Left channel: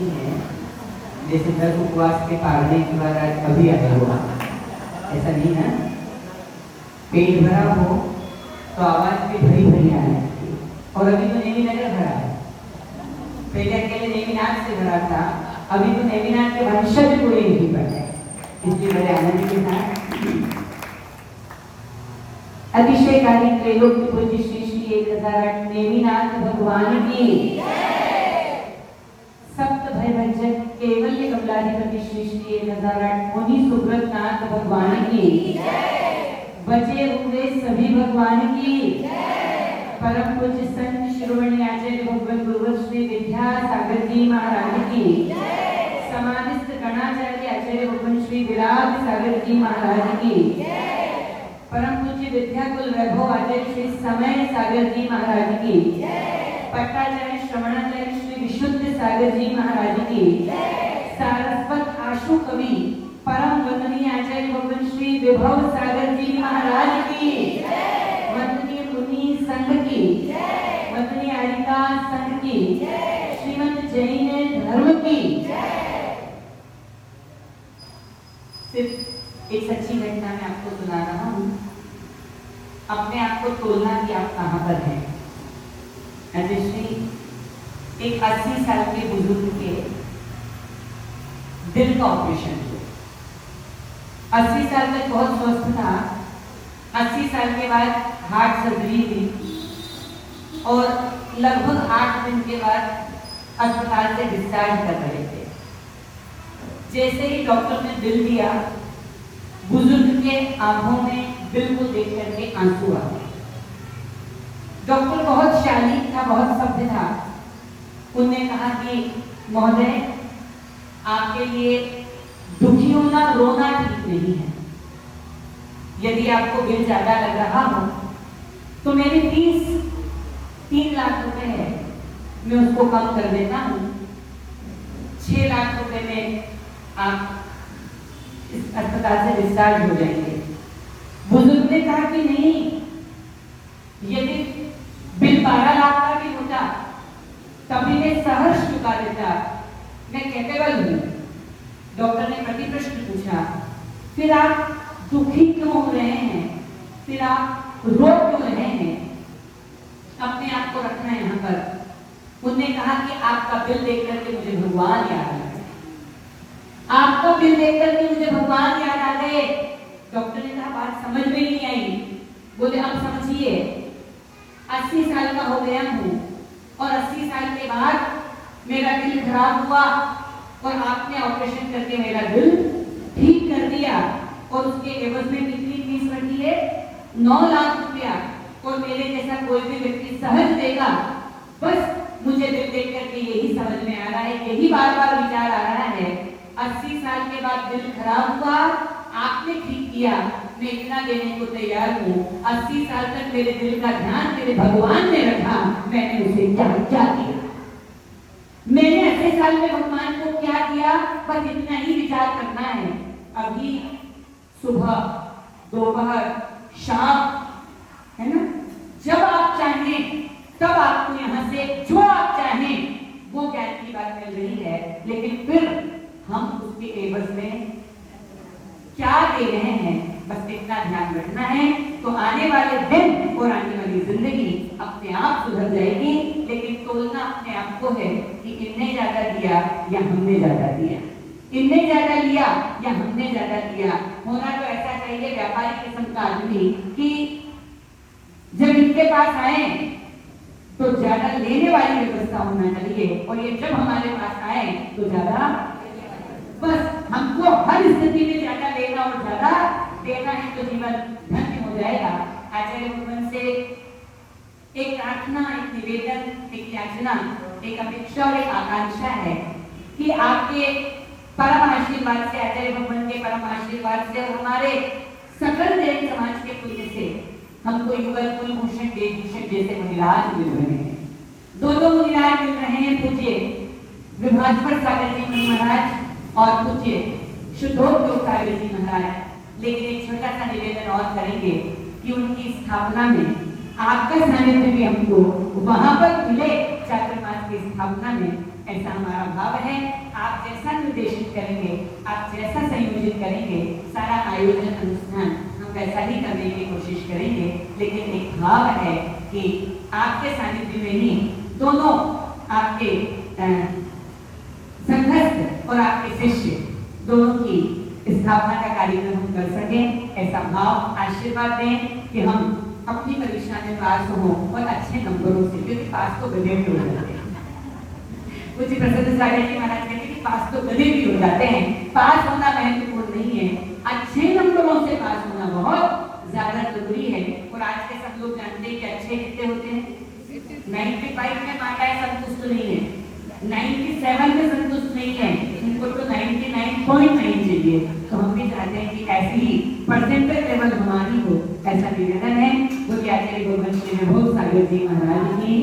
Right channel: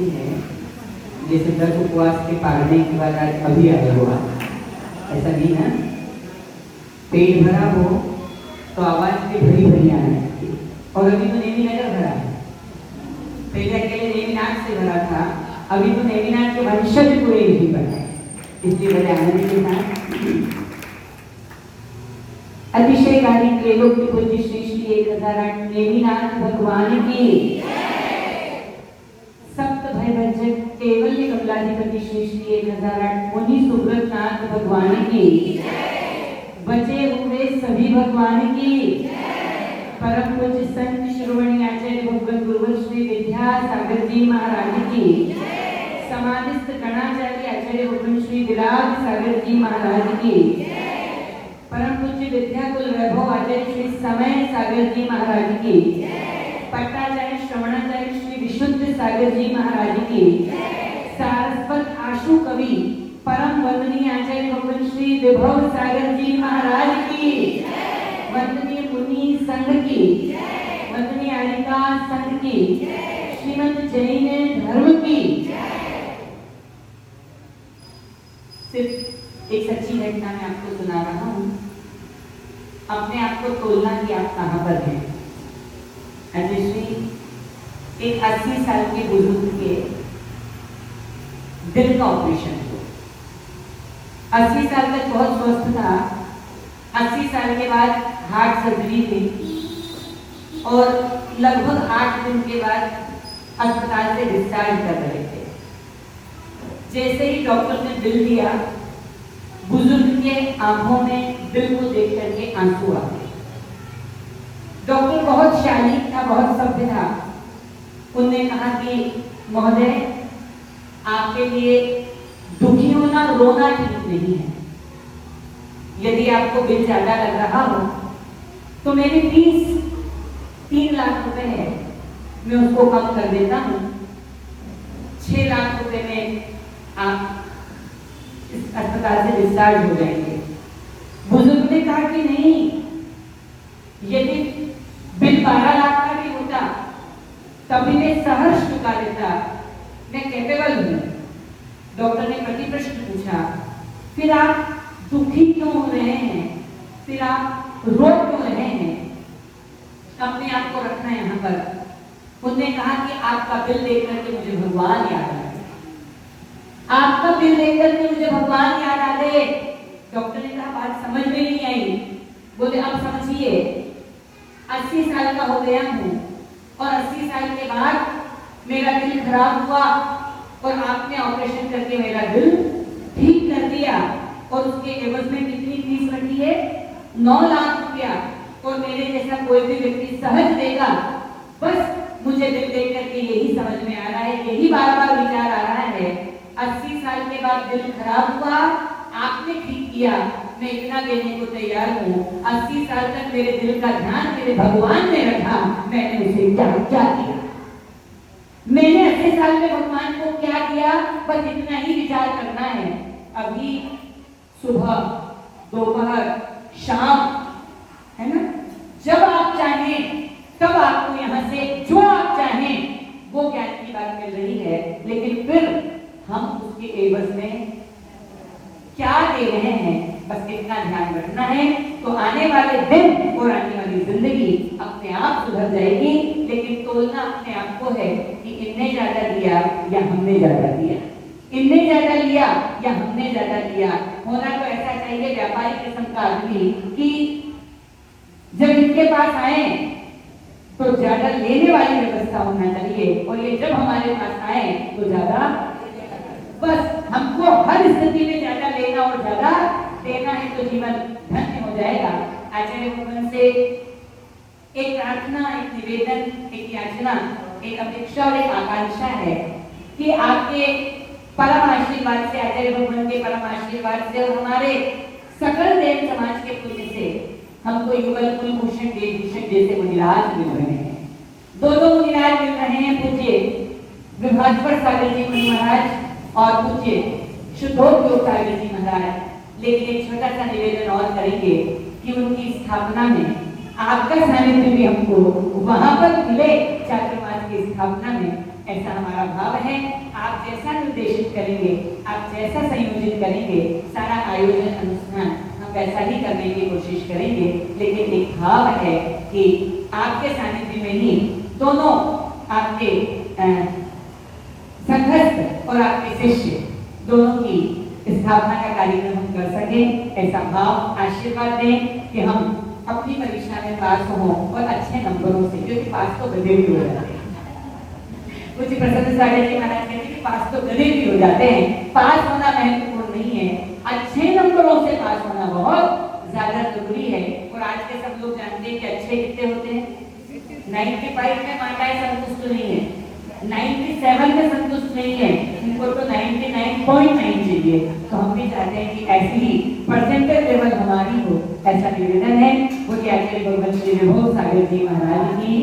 लगती है जैसे 10 उपवास के पालने के बाद आज अभी आया हुआ, ऐसा नहीं ना। पेट भरा हो तो आवाज भी भरी भरी आने लगती है। और अभी तो नेमिनगर भरा है, पहले अकेले नेमिनाथ से भरा था, अभी तो नेमिनाथ के वंशज कोई नहीं बचा, इसलिए बड़े आनंद के साथ अतिशयकारी त्रैलोक्य पूज्य श्री श्री 1008 नेमिनाथ भगवान की सप्त भयभंजक केवल्य कमलाधिपति श्री श्री 1008 मुनि सुब्रतनाथ भगवान की बचे हुए सभी भगवान की परम पूज्य संत श्रोवणी आचार्य भगवान गुरुवर श्री विद्यासागर जी महाराज की समाधिस्थ गणाचार्य आचार्य भगवान श्री विराज सागर जी महाराज की परम पूज्य विद्याकुल वैभव आचार्य श्री समय सागर जी महाराज की पट्टाचार्य श्रवणाचार्य श्री विशुद्ध सागर जी महाराज की सारस्वत आशु कवि परम वंदनीय आचार्य भगवान श्री विभव सागर जी महाराज की वंदनीय मुनि संघ की वंदनीय आरिका संघ की श्रीमद जैन धर्म की सिर्फ एक सच्ची घटना मैं आपको सुना रहा हूँ। अपने आप को तोलना कि आप कहाँ पर हैं। अजयश्री एक 80 साल के बुजुर्ग के दिल का ऑपरेशन हुआ। 80 साल तक बहुत स्वस्थ था। 80 साल के बाद हार्ट सर्जरी हुई और लगभग 8 दिन के बाद अस्पताल से डिस्चार्ज कर रहे थे। जैसे ही डॉक्टर ने बिल दिया, बुजुर्ग के आंखों में दिल को देख करके आंसू आ गए। डॉक्टर बहुत शालीन था, बहुत सभ्य था। उन्होंने कहा कि महोदय, आपके लिए दुखी होना, रोना ठीक नहीं है। यदि आपको बिल ज्यादा लग रहा हो तो मेरे 3 लाख रुपए है, मैं उसको कम कर देता हूँ। 6 लाख रुपए में आप इस अस्पताल से डिस्चार्ज हो जाएंगे। बुजुर्ग ने कहा कि नहीं, यदि बिल 12 लाख का भी होता तभी मैं सहर्ष चुका देता, मैं कैपेबल हूं। डॉक्टर ने प्रति प्रश्न पूछा, फिर आप दुखी क्यों हो रहे हैं, फिर आप रो क्यों रहे हैं, अपने आप को रखना यहाँ पर। उन्होंने कहा कि आपका बिल देख करके मुझे भगवान याद आ गए, आपका बिल देख करके मुझे भगवान याद आ गए। डॉक्टर ने कहा बात समझ में नहीं आई। बोले अब समझिए, 80 साल का हो गया हूँ और 80 साल के बाद मेरा दिल खराब हुआ और आपने ऑपरेशन करके मेरा दिल ठीक कर दिया और उसके एवज में कितनी फीस बढ़ी है? 9 लाख रुपया। और मेरे जैसा कोई भी व्यक्ति सहज देगा। बस मुझे दिल देख करके यही समझ में आ रहा है, यही बार बार विचार आ रहा है। 80 साल के बाद दिल खराब हुआ, आपने ठीक किया, मैं इतना देने को तैयार हूँ। 80 साल तक मेरे दिल का ध्यान मेरे भगवान ने रखा, मैंने उसे क्या क्या किया, मैंने 80 साल में भगवान को क्या दिया, बस इतना ही विचार करना है। अभी सुबह, दोपहर, शाम, है ना, जब आप चाहें तब आपको यहाँ से जो आप चाहें वो ज्ञान की बात मिल रही है। लेकिन फिर हम उसके एवज में क्या दे रहे हैं, बस इतना ध्यान रखना है। तो आने वाले दिन और आने वाली जिंदगी अपने आप सुधर जाएगी। लेकिन तोलना अपने आप को है कि इनने ज्यादा दिया या हमने ज्यादा दिया, इनने ज्यादा लिया या हमने ज्यादा लिया। होना तो ऐसा चाहिए व्यापारी किस्म का आदमी कि जब इनके पास आए तो ज्यादा लेने वाली व्यवस्था होना चाहिए, और ये जब हमारे पास आए तो ज्यादा, बस हमको हर स्थिति में ज्यादा लेना और ज्यादा देना है तो जीवन धन्य हो जाएगा। आचार्य भगवान से एक प्रार्थना, एक निवेदन, एक याचना, एक अपेक्षा और एक आकांक्षा है कि आपके परम आशीर्वाद से, आचार्य भगवान के परम आशीर्वाद से और हमारे सकल देव समाज के पुण्य से हमको युगल कुलभूषण देवभूषण जैसे मुनिराज मिल रहे हैं। दो मुनिराज मिल रहे हैं, पूज्य विभाजपर सागर जी महाराज और पूज्य शुद्धोपयोग सागर जी महाराज। लेकिन एक छोटा सा निवेदन और करेंगे कि उनकी स्थापना में आपका सानिध्य भी हमको वहां पर मिले, चातुर्मास की स्थापना में, ऐसा हमारा भाव है। करेंगे, आप जैसा संयोजित करेंगे सारा आयोजन अनुष्ठान हम वैसा ही करने की कोशिश करेंगे। लेकिन एक भाव है कि आपके सानिध्य में ही दोनों आपके संघस्थ और आपके शिष्य दोनों की स्थापना का कार्यक्रम हम कर सकें, ऐसा भाव आशीर्वाद दें कि हम अपनी परीक्षा में पास हों और अच्छे नंबरों से, क्योंकि पास तो गधे भी हो जाते हैं। कुछ प्रसन्न सागर जी महाराज कहते हैं कि पास तो गधे भी हो जाते हैं, पास होना महत्वपूर्ण नहीं है, अच्छे नंबरों से पास होना बहुत ज्यादा जरूरी है। और आज के सब लोग जानते हैं कि अच्छे कितने होते हैं, 95 में माताएं संतुष्ट नहीं है, 97 में संतुष्ट नहीं है, उनको तो 99.9 चाहिए। तो हम भी चाहते हैं कि ऐसी परसेंटेज लेवल हमारी हो, ऐसा निवेदन है। बोलिए आचार्य भगवान श्री विभव सागर जी महाराज की